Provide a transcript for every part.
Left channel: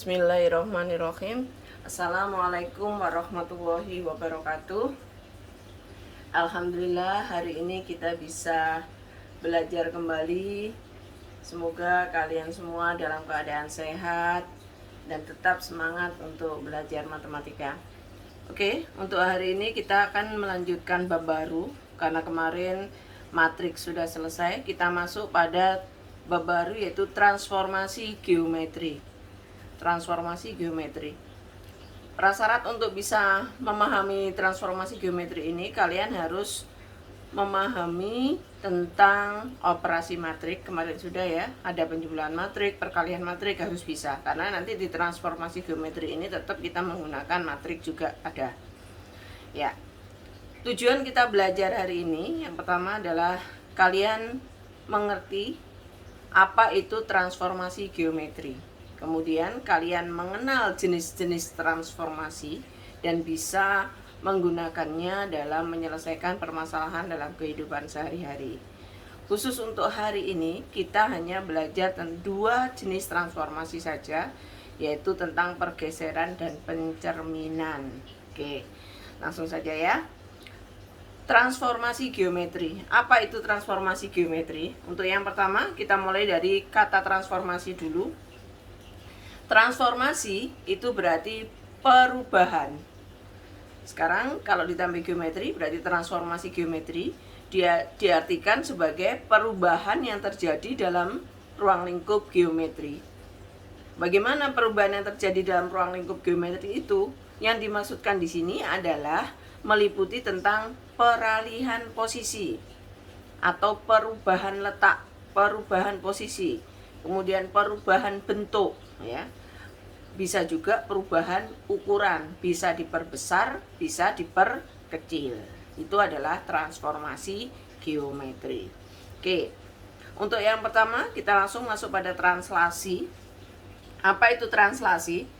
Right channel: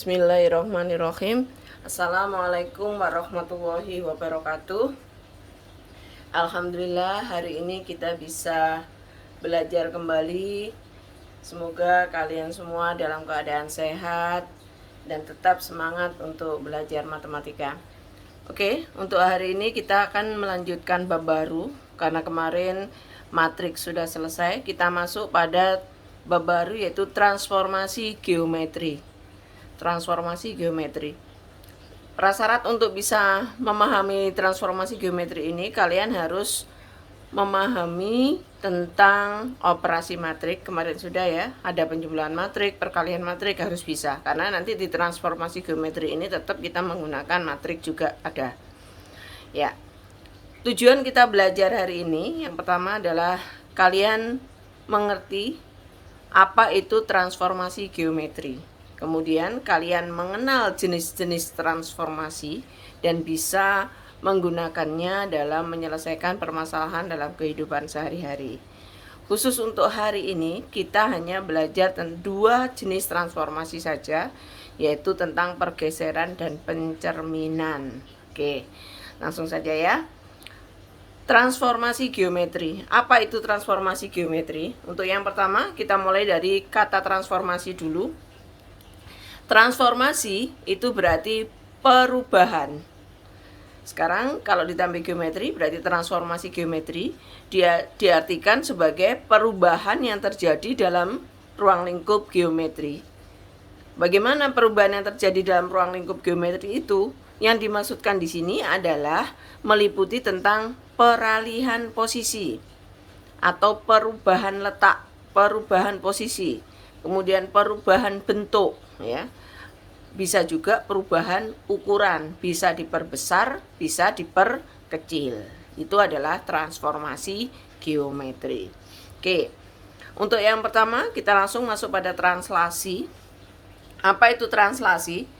Bismillahirrahmanirrahim. Assalamualaikum warahmatullahi wabarakatuh. Alhamdulillah hari ini kita bisa belajar kembali. Semoga kalian semua dalam keadaan sehat dan tetap semangat untuk belajar matematika. Oke, untuk hari ini kita akan melanjutkan bab baru. Karena kemarin matriks sudah selesai, kita masuk pada bab baru yaitu transformasi geometri. Prasyarat untuk bisa memahami transformasi geometri ini, kalian harus memahami tentang operasi matrik. Kemarin sudah ya, ada penjumlahan matrik, perkalian matrik harus bisa. Karena nanti di transformasi geometri ini tetap kita menggunakan matrik juga ada. Ya, tujuan kita belajar hari ini yang pertama adalah kalian mengerti apa itu transformasi geometri. Kemudian kalian mengenal jenis-jenis transformasi dan bisa menggunakannya dalam menyelesaikan permasalahan dalam kehidupan sehari-hari. Khusus untuk hari ini kita hanya belajar tentang dua jenis transformasi saja, yaitu tentang pergeseran dan pencerminan. Oke, langsung saja ya. Transformasi geometri. Apa itu transformasi geometri? Untuk yang pertama kita mulai dari kata transformasi dulu. Transformasi itu berarti perubahan. Sekarang kalau ditambah geometri berarti transformasi geometri dia diartikan sebagai perubahan yang terjadi dalam ruang lingkup geometri. Bagaimana perubahan yang terjadi dalam ruang lingkup geometri itu? Yang dimaksudkan di sini adalah meliputi tentang peralihan posisi atau perubahan letak, perubahan posisi, kemudian perubahan bentuk ya. Bisa juga perubahan ukuran, bisa diperbesar, bisa diperkecil. Itu adalah transformasi geometri. Oke. Untuk yang pertama kita langsung masuk pada translasi. Apa itu translasi?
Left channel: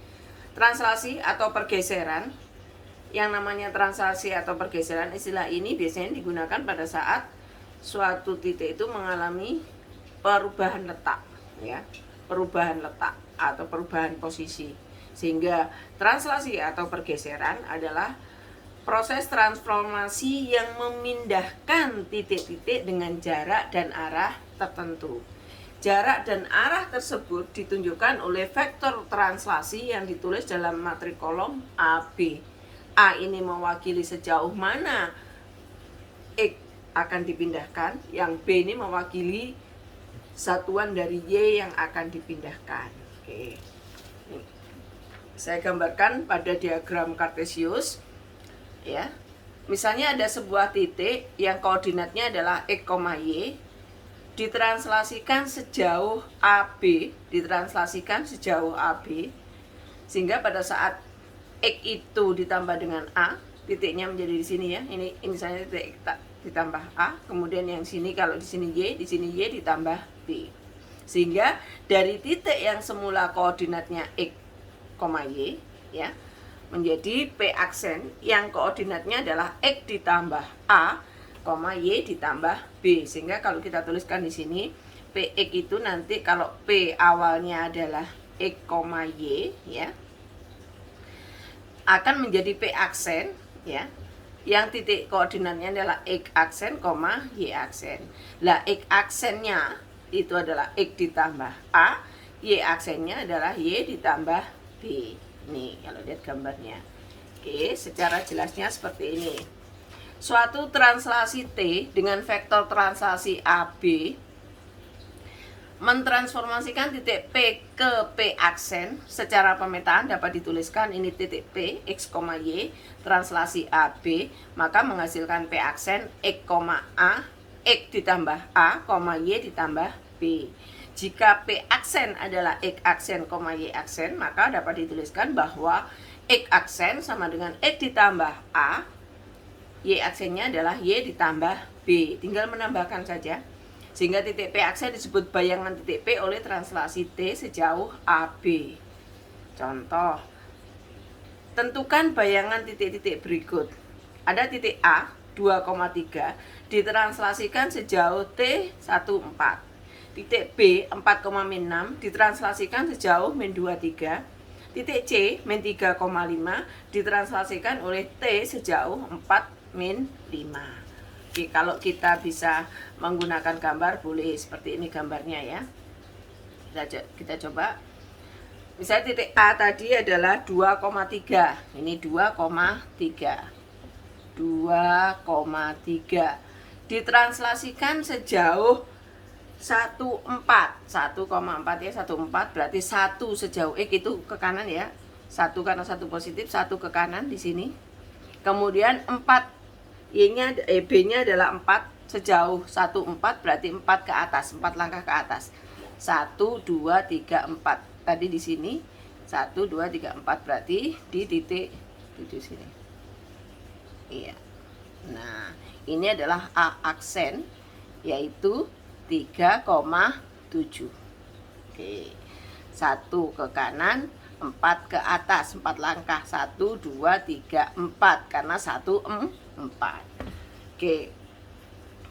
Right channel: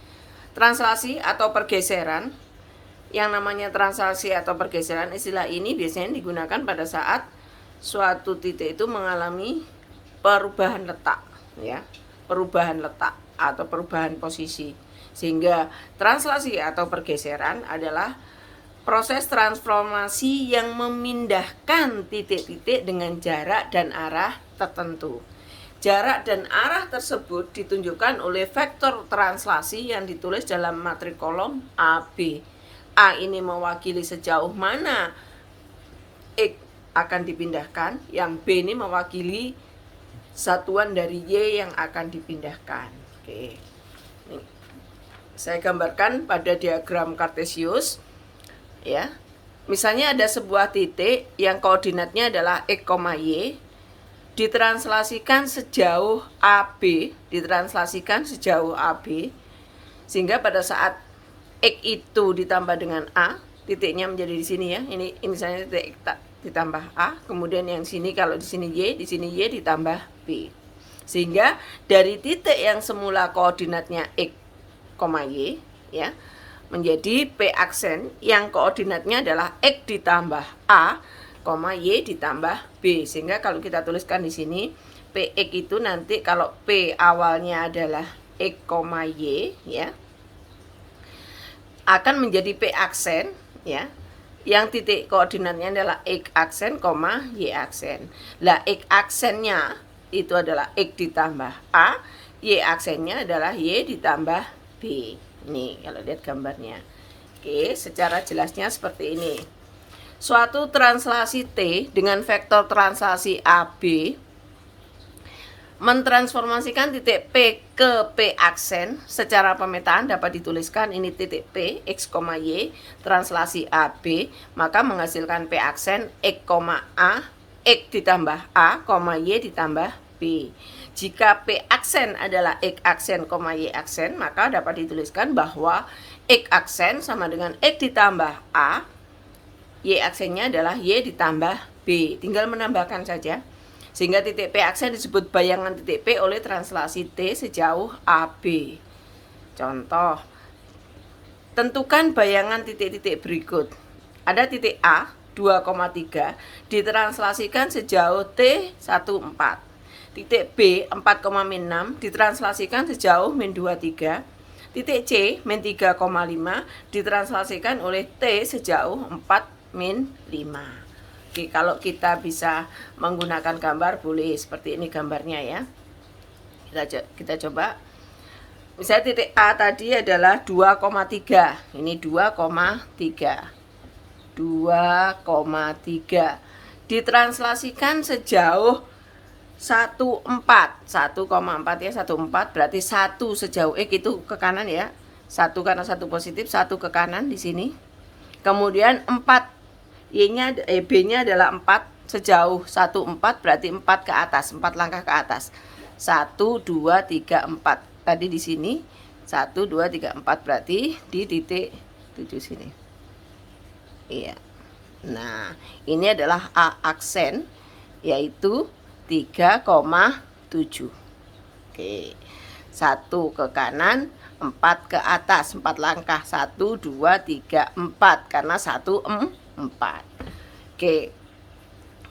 Translasi atau pergeseran. Yang namanya translasi atau pergeseran, istilah ini biasanya digunakan pada saat suatu titik itu mengalami perubahan letak ya. Perubahan letak atau perubahan posisi. Sehingga translasi atau pergeseran adalah proses transformasi yang memindahkan titik-titik dengan jarak dan arah tertentu. Jarak dan arah tersebut ditunjukkan oleh vektor translasi yang ditulis dalam matrik kolom AB. A ini mewakili sejauh mana X akan dipindahkan, yang B ini mewakili satuan dari Y yang akan dipindahkan. Oke. Nih, saya gambarkan pada diagram kartesius ya. Misalnya ada sebuah titik yang koordinatnya adalah X, Y, ditranslasikan sejauh AB, sehingga pada saat X itu ditambah dengan A, titiknya menjadi di sini ya. Ini misalnya titik X ditambah A, kemudian yang sini kalau di sini Y ditambah B. Sehingga dari titik yang semula koordinatnya X, Y ya, menjadi P aksen yang koordinatnya adalah X ditambah A, Y ditambah B. Sehingga kalau kita tuliskan di sini PX itu nanti kalau P awalnya adalah X, Y ya, akan menjadi P aksen ya, yang titik koordinatnya adalah X aksen, Y aksen. Lah X aksennya itu adalah X ditambah A, Y aksennya adalah Y ditambah B. Ini kalau lihat gambarnya. Oke, secara jelasnya seperti ini. Suatu translasi T dengan vektor translasi AB mentransformasikan titik P ke P aksen. Secara pemetaan dapat dituliskan ini titik P, X, Y, translasi AB, maka menghasilkan P aksen X, A, X ditambah A, Y ditambah B. Jika P aksen adalah X aksen, Y aksen, maka dapat dituliskan bahwa X aksen sama dengan X ditambah A, Y aksennya adalah Y ditambah B. Tinggal menambahkan saja. Sehingga titik P aksen disebut bayangan titik P oleh translasi T sejauh AB. Contoh, tentukan bayangan titik-titik berikut. Ada titik A 2,3 ditranslasikan sejauh T 1,4. Titik B 4,6 ditranslasikan sejauh min 23. titik C min 3,5 ditranslasikan oleh T sejauh 4 min 5. Oke, kalau kita bisa menggunakan gambar boleh seperti ini gambarnya ya. Kita coba. Misalnya titik A tadi adalah 2,3. Ini 2,3. 2,3 ditranslasikan sejauh 1,4 ya, 1,4 berarti 1 sejauh X itu ke kanan ya, 1 karena 1 positif, 1 ke kanan di sini. Kemudian 4 B nya adalah 4 sejauh 1,4 berarti 4 ke atas, 4 langkah ke atas. 1, 2, 3, 4 tadi di sini 1, 2, 3, 4 berarti di titik 7 sini. Iya. Nah, ini adalah A aksen yaitu 3,7. Oke. 1 ke kanan, 4 ke atas, 4 langkah. 1, 2, 3, 4 karena 1, 4. Oke.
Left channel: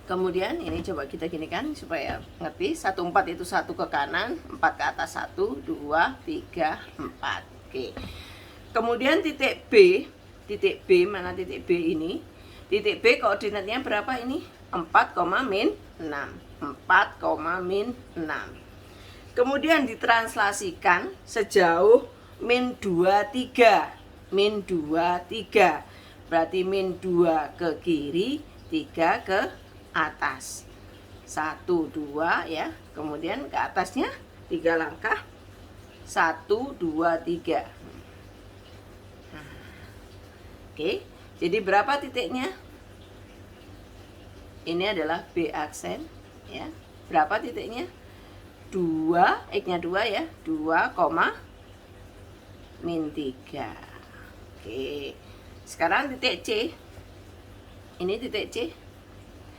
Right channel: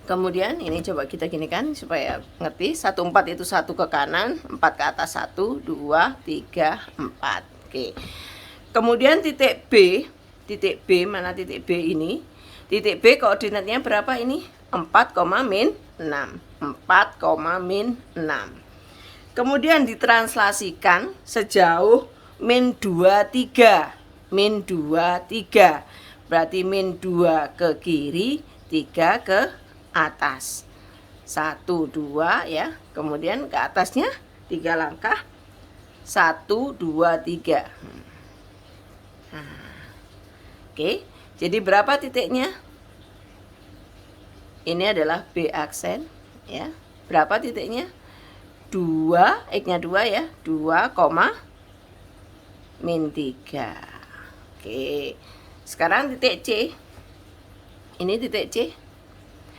Kemudian ini coba kita ginikan supaya ngerti. 1, 4 itu 1 ke kanan, 4 ke atas. 1, 2, 3, 4. Oke. Kemudian titik B, mana titik B ini? Titik B koordinatnya berapa ini? 4, min 6. 4, min 6. Kemudian ditranslasikan sejauh min 23. Min 23. Berarti min 2 ke kiri, 3 ke atas. 1, 2 ya. Kemudian ke atasnya 3 langkah. 1, 2, 3. Oke, jadi berapa titiknya? Ini adalah B aksen ya. Berapa titiknya? 2, X-nya 2 ya. 2, min 3. Oke. Sekarang titik C. Ini titik C.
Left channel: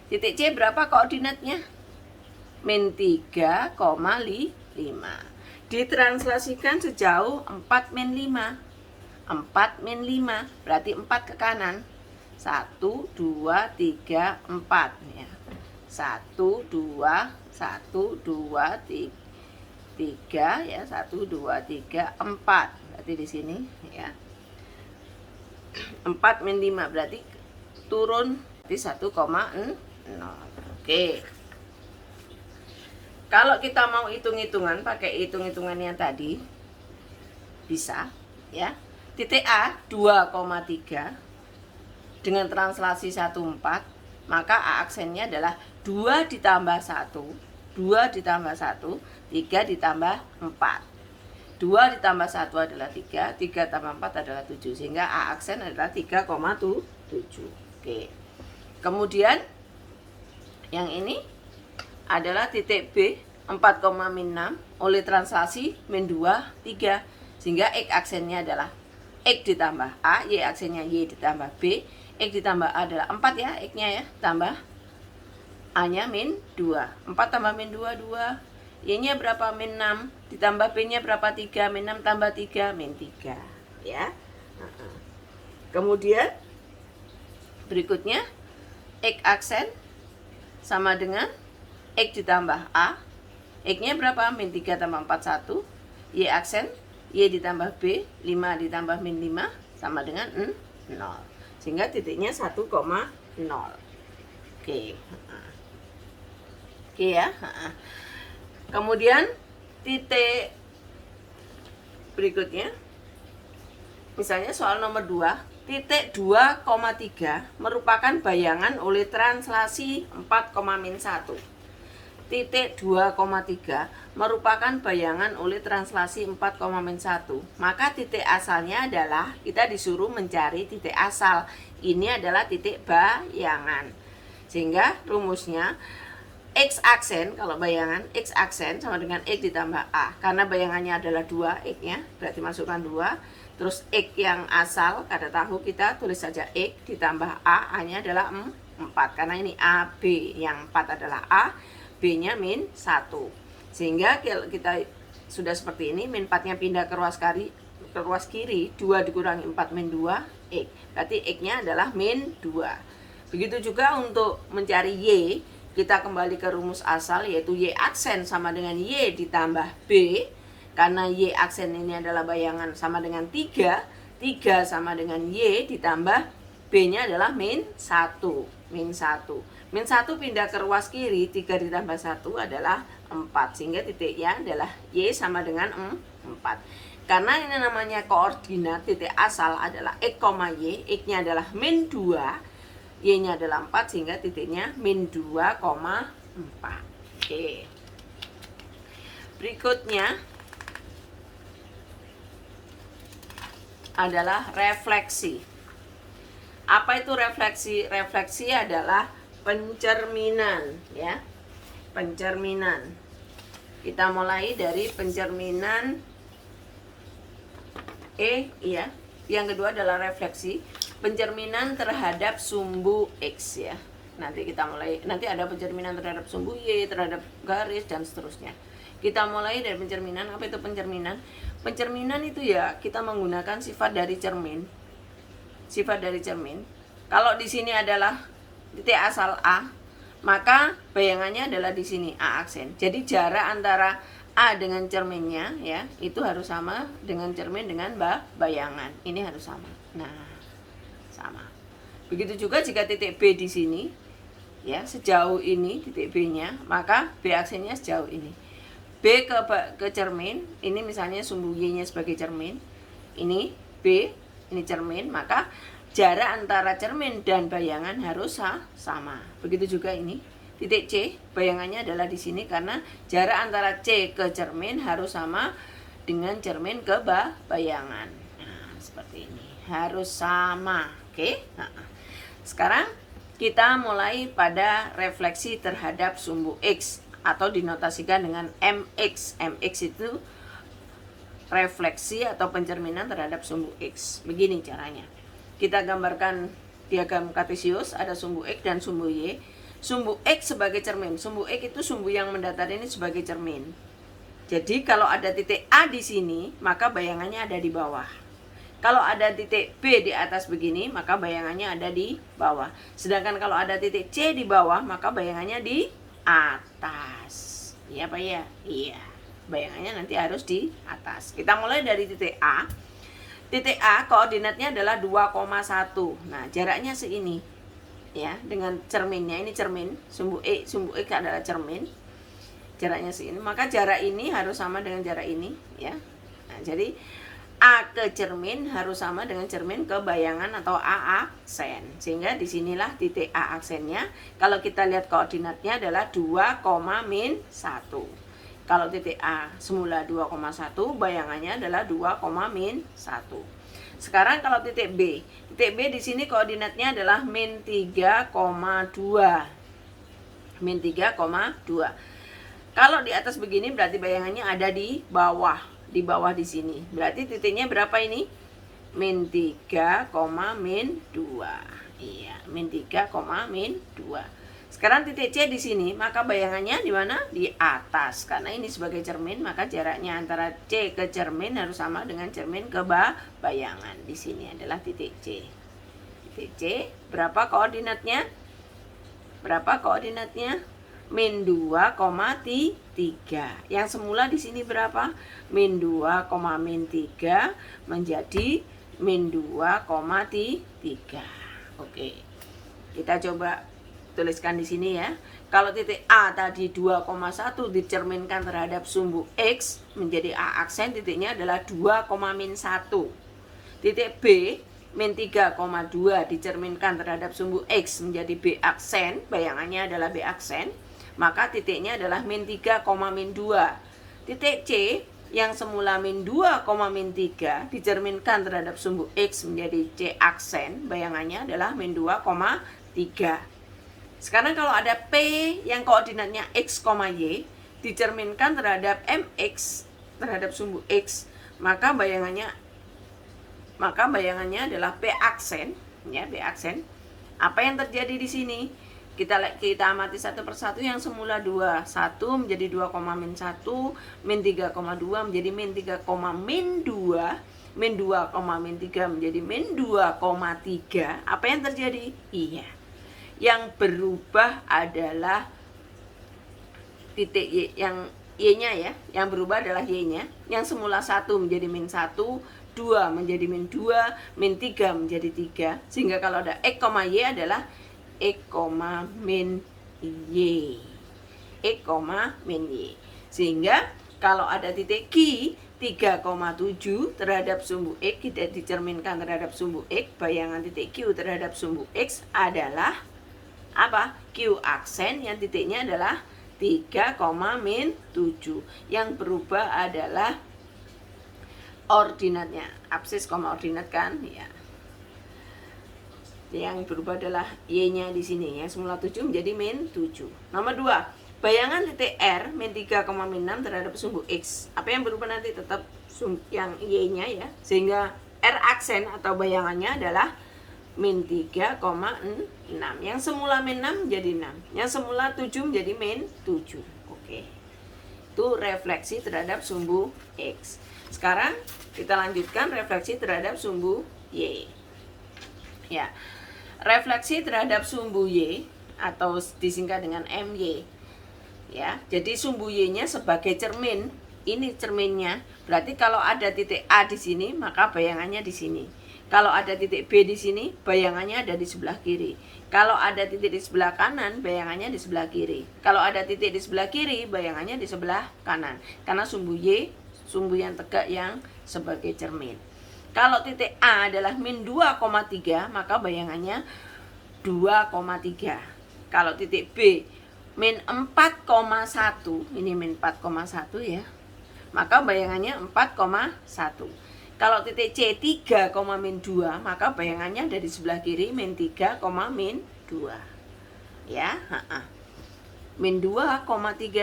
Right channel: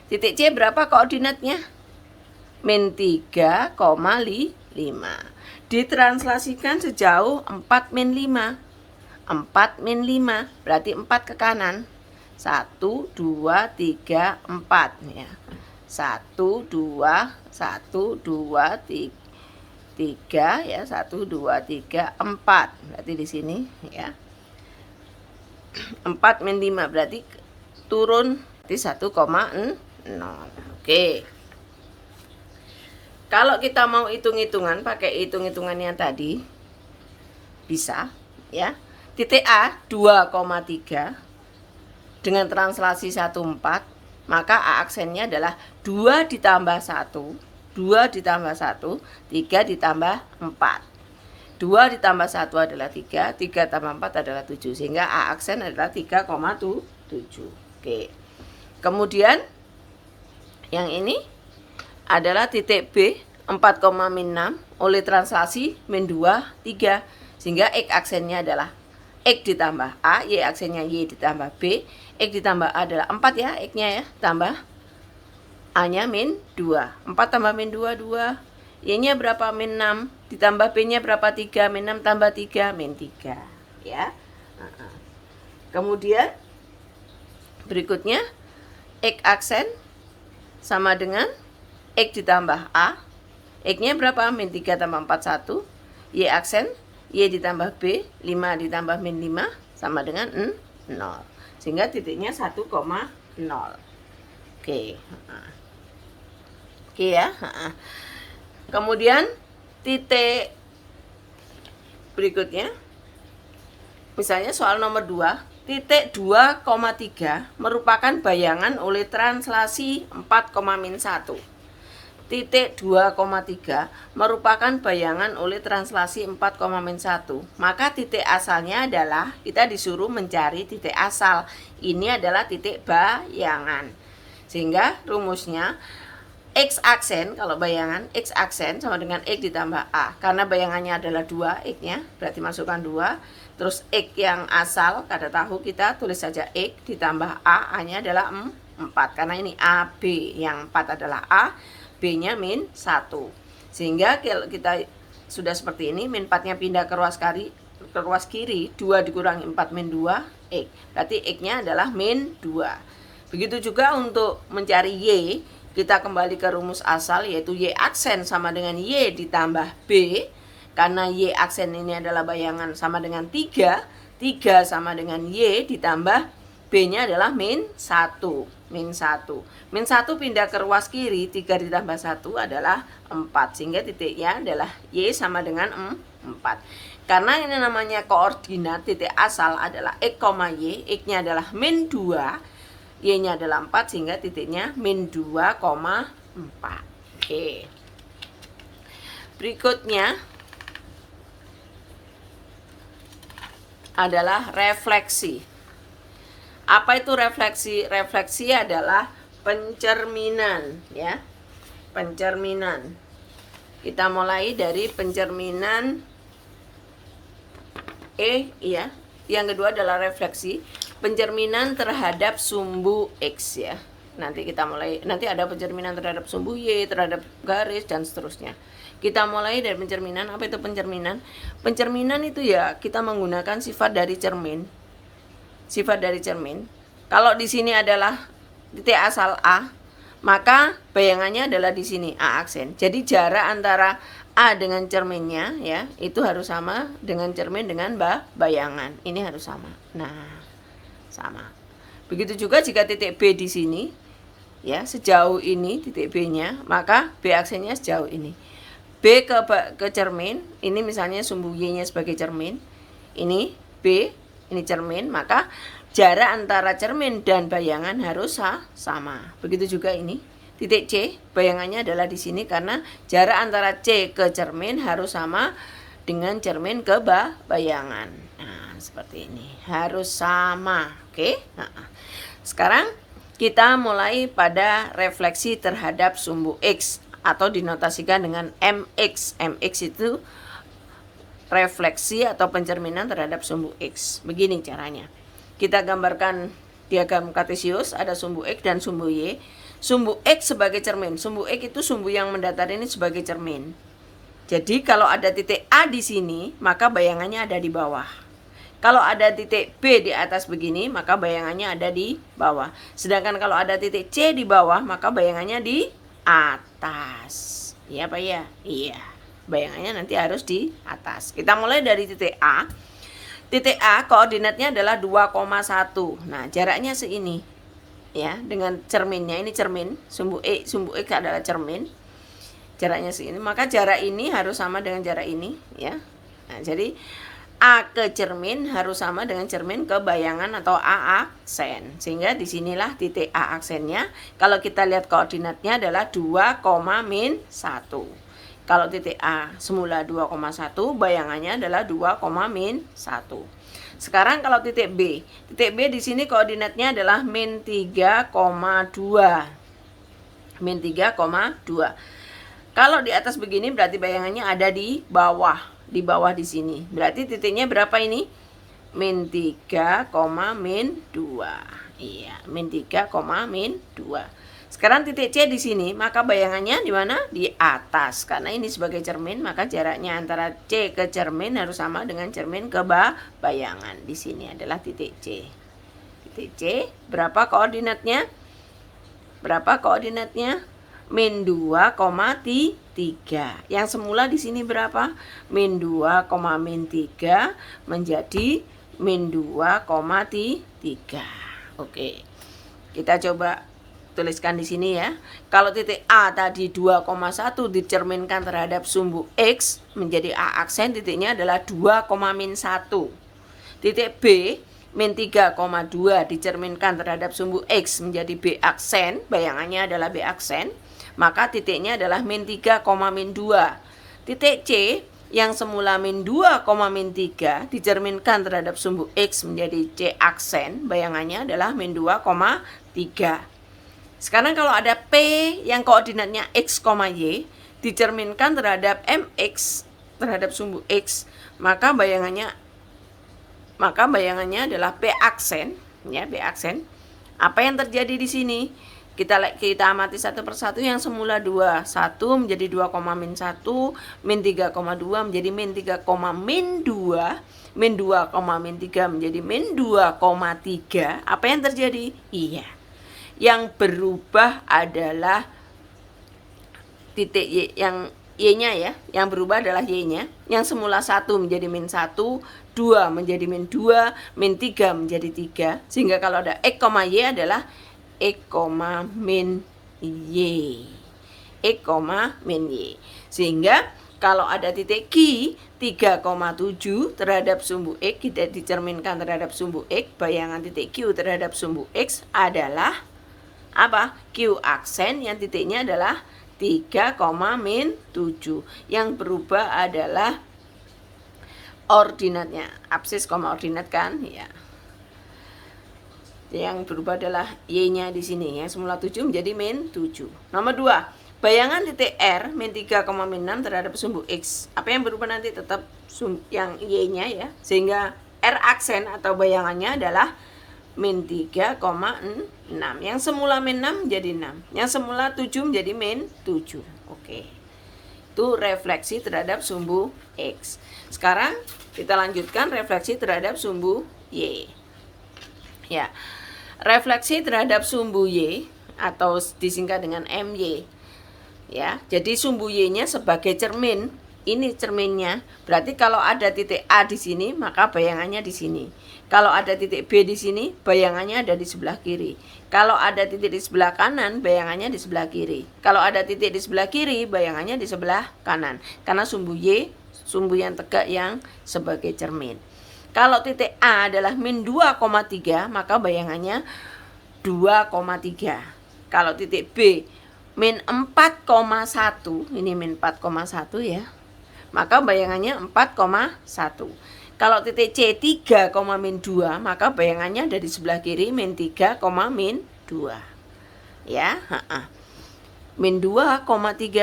Titik C berapa koordinatnya? Min 3,5. Ditranslasikan sejauh 4 min 5. 4 min 5 berarti 4 ke kanan. 1, 2, 3, 4 ya. 1, 2, 3 ya. 1, 2, 3, 4. Berarti di sini ya. 4 min 5 berarti turun di 1,0. Oke. Kalau kita mau hitung-hitungan pakai hitung-hitungannya tadi bisa ya. Titik A 2,3 dengan translasi 1,4, maka A aksennya adalah 2 ditambah 1, 2 ditambah 1, 3 ditambah 4. 2 ditambah 1 adalah 3, 3 tambah 4 adalah 7, sehingga A aksen adalah 3,7. Oke. Kemudian yang ini adalah titik B 4, min 6 oleh translasi min 2, 3, sehingga X aksennya adalah X ditambah A, Y aksennya Y ditambah B, X ditambah A adalah 4 ya, X-nya ya, tambah A-nya min 2. 4 tambah min 2, 2. Y-nya berapa? Min 6. Ditambah B-nya berapa? 3. Min 6 tambah 3, min 3. Ya. Kemudian berikutnya X aksen sama dengan X ditambah A. X-nya berapa? Min 3 tambah 4, 1. Y aksen Y ditambah B, 5 ditambah min 5 sama dengan 0. Sehingga titiknya 1,0. Oke. Oke ya. Kemudian titik berikutnya, misalnya soal nomor 2, titik 2,3 merupakan bayangan oleh translasi 4, min 1. Titik 2,3 merupakan bayangan oleh translasi 4, min 1. Maka titik asalnya adalah kita disuruh mencari titik asal. Ini adalah titik bayangan. Sehingga rumusnya X aksen, kalau bayangan X aksen sama dengan X ditambah A. Karena bayangannya adalah 2, X-nya berarti masukkan 2. Terus X yang asal, kada tahu kita tulis saja X ditambah A, A-nya adalah 4. Karena ini AB, yang 4 adalah A, B-nya min 1. Sehingga kalau kita sudah seperti ini, min 4-nya pindah ke ruas kiri, 2 dikurangi 4 min 2, X. Berarti X-nya adalah min 2. Begitu juga untuk mencari Y, kita kembali ke rumus asal, yaitu Y aksen sama dengan Y ditambah B. Karena Y aksen ini adalah bayangan sama dengan 3, 3 sama dengan Y ditambah B-nya adalah min 1. Min 1. Min 1 pindah ke ruas kiri, 3 ditambah 1 adalah 4. Sehingga titiknya adalah Y sama dengan 4. Karena ini namanya koordinat, titik asal adalah X, Y. X-nya adalah min 2, Y-nya adalah 4, sehingga titiknya min 2,4. Oke. Berikutnya adalah refleksi. Apa itu refleksi? Refleksi adalah pencerminan, ya. Pencerminan. Kita mulai dari pencerminan ya. Yang kedua adalah refleksi, pencerminan terhadap sumbu X, ya. Nanti ada pencerminan terhadap sumbu Y, terhadap garis dan seterusnya. Kita mulai dari pencerminan. Apa itu pencerminan? Pencerminan itu ya kita menggunakan sifat dari cermin. Sifat dari cermin. Kalau di sini adalah titik asal A, maka bayangannya adalah di sini A aksen. Jadi jarak antara A dengan cerminnya, ya, itu harus sama dengan cermin dengan bayangan. Ini harus sama. Nah, sama. Begitu juga jika titik B di sini, ya, sejauh ini titik B-nya, maka B aksennya sejauh ini. B ke cermin, ini misalnya sumbu Y-nya sebagai cermin, ini B, ini cermin, maka jarak antara cermin dan bayangan harus sama. Begitu juga ini, titik C, bayangannya adalah di sini karena jarak antara C ke cermin harus sama dengan cermin ke bayangan. Nah, seperti ini, harus sama, oke? Nah, sekarang kita mulai pada refleksi terhadap sumbu X, atau dinotasikan dengan MX. MX itu refleksi atau pencerminan terhadap sumbu X. Begini caranya. Kita gambarkan diagram kartesius, ada sumbu X dan sumbu Y. Sumbu X sebagai cermin. Sumbu X itu sumbu yang mendatar ini sebagai cermin. Jadi kalau ada titik A di sini, maka bayangannya ada di bawah. Kalau ada titik B di atas begini, maka bayangannya ada di bawah. Sedangkan kalau ada titik C di bawah, maka bayangannya di atas. Iya Pak ya? Iya. Bayangannya nanti harus di atas. Kita mulai dari titik A. Titik A koordinatnya adalah 2,1. Nah, jaraknya seini. Ya, dengan cerminnya, ini cermin, sumbu X adalah cermin. Jaraknya segini, maka jarak ini harus sama dengan jarak ini, ya. Nah, jadi A ke cermin harus sama dengan cermin ke bayangan atau A aksen. Sehingga disinilah titik A aksennya. Kalau kita lihat koordinatnya adalah 2,-1. Kalau titik A semula 2,1, bayangannya adalah 2,-1. Sekarang kalau titik B. Titik B di sini koordinatnya adalah -3,2. -3,2. Kalau di atas begini berarti bayangannya ada di bawah. Di bawah di sini. Berarti titiknya berapa ini? -3,-2. Iya, -3,-2. Sekarang titik C di sini, maka bayangannya di mana? Di atas. Karena ini sebagai cermin, maka jaraknya antara C ke cermin harus sama dengan cermin ke bayangan. Di sini adalah titik C. Titik C, berapa koordinatnya? Berapa koordinatnya? -2,3. Yang semula di sini berapa? -2,-3 menjadi -2,3. Oke. Kita coba tuliskan di sini ya. Kalau titik A tadi 2,1 dicerminkan terhadap sumbu X menjadi A aksen, titiknya adalah 2,-1. Titik B -3,2 dicerminkan terhadap sumbu X menjadi B aksen, bayangannya adalah B aksen, maka titiknya adalah -3,-2. Titik C yang semula -2,-3 dicerminkan terhadap sumbu X menjadi C aksen, bayangannya adalah -2,3. Sekarang kalau ada P yang koordinatnya X, Y dicerminkan terhadap MX terhadap sumbu X, maka bayangannya adalah P aksen, ya, P aksen. Apa yang terjadi di sini? Kita amati satu persatu. Yang semula 2,1 menjadi 2,-1, -3,2 menjadi -3,-2, -2,-3 menjadi -2,3. Apa yang terjadi? Iya. Yang berubah adalah titik Y, yang Y-nya ya, yang berubah adalah Y-nya. Yang semula 1 menjadi min 1, 2 menjadi min 2, min 3 menjadi 3. Sehingga kalau ada X, Y adalah X, min Y. X, min Y. Sehingga kalau ada titik Q 3,7 terhadap sumbu X, kita dicerminkan terhadap sumbu X, bayangan titik Q terhadap sumbu X adalah apa? Q aksen yang titiknya adalah 3, min 7. Yang berubah adalah ordinatnya, absis, ordinat kan ya. Yang berubah adalah Y-nya di sini ya, semula 7 menjadi min 7. Nomor 2, bayangan titik R min 3, min 6 terhadap sumbu X. Apa yang berubah nanti? Tetap yang Y-nya ya. Sehingga R aksen atau bayangannya adalah min 3,6. Yang semula min 6 menjadi 6. Yang semula 7 menjadi min 7. Oke. Itu refleksi terhadap sumbu X. Sekarang kita lanjutkan refleksi terhadap sumbu Y. Ya. Refleksi terhadap sumbu Y atau disingkat dengan MY. Ya. Jadi sumbu Y-nya sebagai cermin. Ini cerminnya. Berarti kalau ada titik A di sini, maka bayangannya di sini. Kalau ada titik B di sini, bayangannya ada di sebelah kiri. Kalau ada titik di sebelah kanan, bayangannya di sebelah kiri. Kalau ada titik di sebelah kiri, bayangannya di sebelah kanan. Karena sumbu Y, sumbu yang tegak yang sebagai cermin. Kalau titik A adalah min 2,3, maka bayangannya 2,3. Kalau titik B min 4,1, ini min 4,1 ya, maka bayangannya 4,1. Kalau titik C 3, min 2, maka bayangannya ada di sebelah kiri min 3, min 2. Ya, min 2,3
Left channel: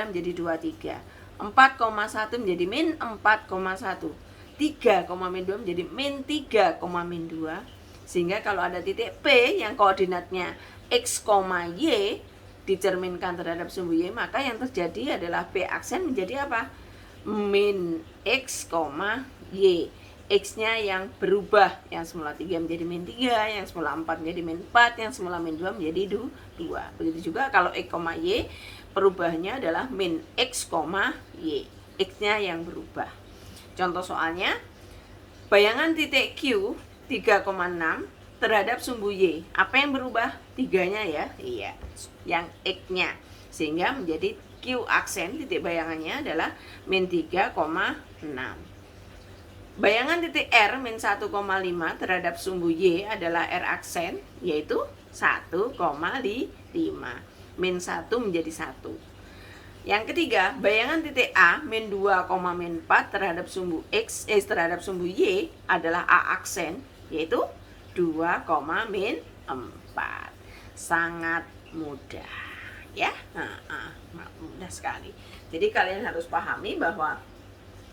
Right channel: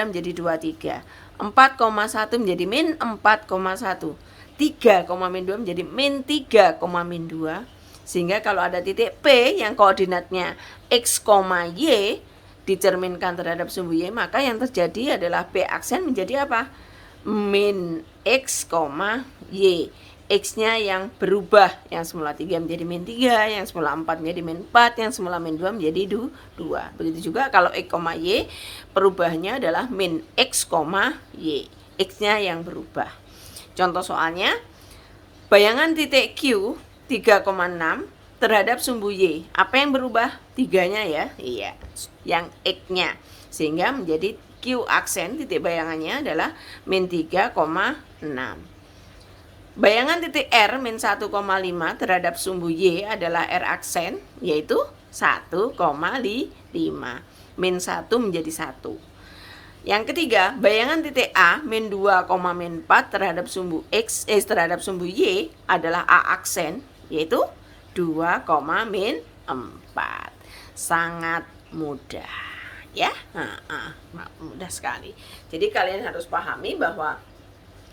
menjadi 23. 4,1 menjadi min 4,1. 3, min 2 menjadi min 3, min 2. Sehingga kalau ada titik P yang koordinatnya X, Y dicerminkan terhadap sumbu Y, maka yang terjadi adalah P aksen menjadi apa? Min X, Y. X-nya yang berubah, yang semula 3 menjadi min 3, yang semula 4 menjadi min 4, yang semula min 2 menjadi 2. Begitu juga kalau X, Y, perubahannya adalah min X, Y. X-nya yang berubah. Contoh soalnya, bayangan titik Q 3,6 terhadap sumbu Y. Apa yang berubah? 3-nya ya? Iya, yang X-nya. Sehingga menjadi Q aksen, titik bayangannya adalah min 3,6. Bayangan titik R min 1,5 terhadap sumbu Y adalah R aksen, yaitu 1,5. Min 1 menjadi 1. Yang ketiga, bayangan titik A min 2, min 4 terhadap sumbu X, terhadap sumbu Y adalah A aksen, yaitu 2, min 4. Sangat mudah ya, mudah sekali. Jadi kalian harus pahami bahwa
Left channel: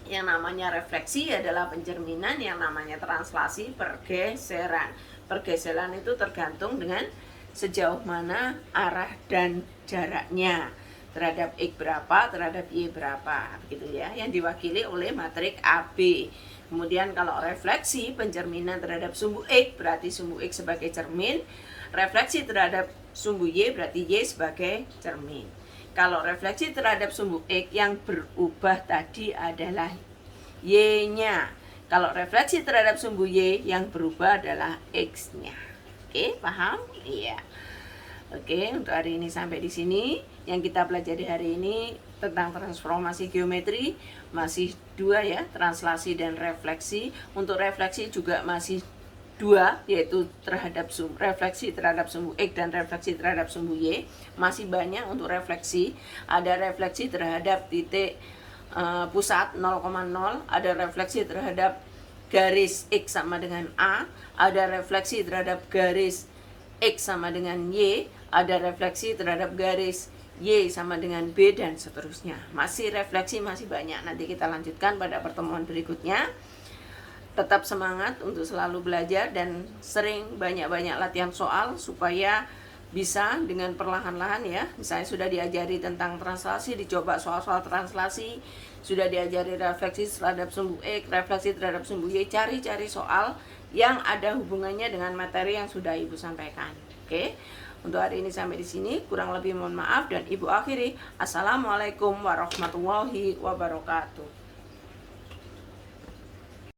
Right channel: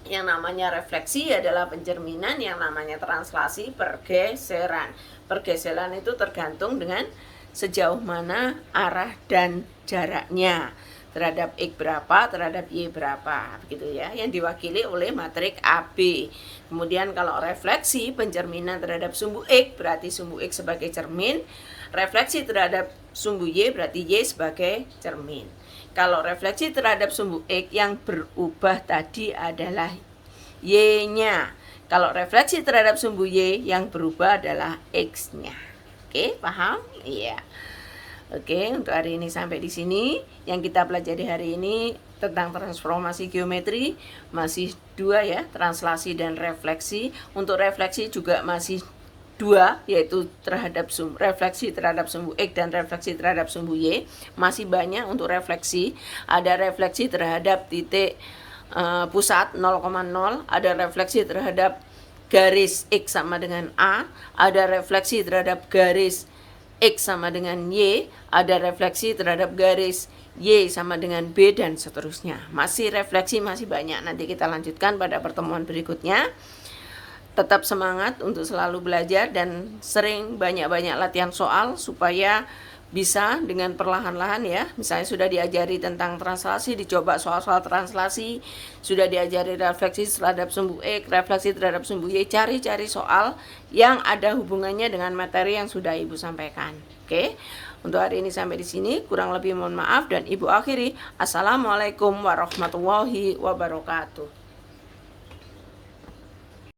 yang namanya refleksi adalah pencerminan, yang namanya translasi pergeseran. Pergeseran itu tergantung dengan sejauh mana arah dan jaraknya terhadap X berapa, terhadap Y berapa, begitu ya, yang diwakili oleh matrik AB. Kemudian kalau refleksi pencerminan terhadap sumbu X berarti sumbu X sebagai cermin, refleksi terhadap sumbu Y berarti Y sebagai cermin. Kalau refleksi terhadap sumbu X yang berubah tadi adalah Y-nya. Kalau refleksi terhadap sumbu Y yang berubah adalah X-nya. Oke, paham? Iya. Oke, untuk hari ini sampai di sini. Yang kita pelajari hari ini tentang transformasi geometri masih 2 ya, translasi dan refleksi. Untuk refleksi juga masih 2, yaitu terhadap refleksi terhadap sumbu X dan refleksi terhadap sumbu Y. Masih banyak untuk refleksi. Ada refleksi terhadap titik pusat 0,0, ada refleksi terhadap garis X sama dengan A, ada refleksi terhadap garis X sama dengan Y, ada refleksi terhadap garis Y sama dengan B, dan seterusnya. Masih refleksi, masih banyak. Nanti kita lanjutkan pada pertemuan berikutnya. Tetap semangat untuk selalu belajar dan sering banyak-banyak latihan soal supaya bisa dengan perlahan-lahan ya. Misalnya sudah diajari tentang translasi, dicoba soal-soal translasi. Sudah diajari refleksi terhadap sumbu X, refleksi terhadap sumbu Y. Cari-cari soal yang ada hubungannya dengan materi yang sudah Ibu sampaikan. Oke. Untuk hari ini sampai di sini, kurang lebih mohon maaf dan Ibu akhiri. Assalamualaikum warahmatullahi wabarakatuh.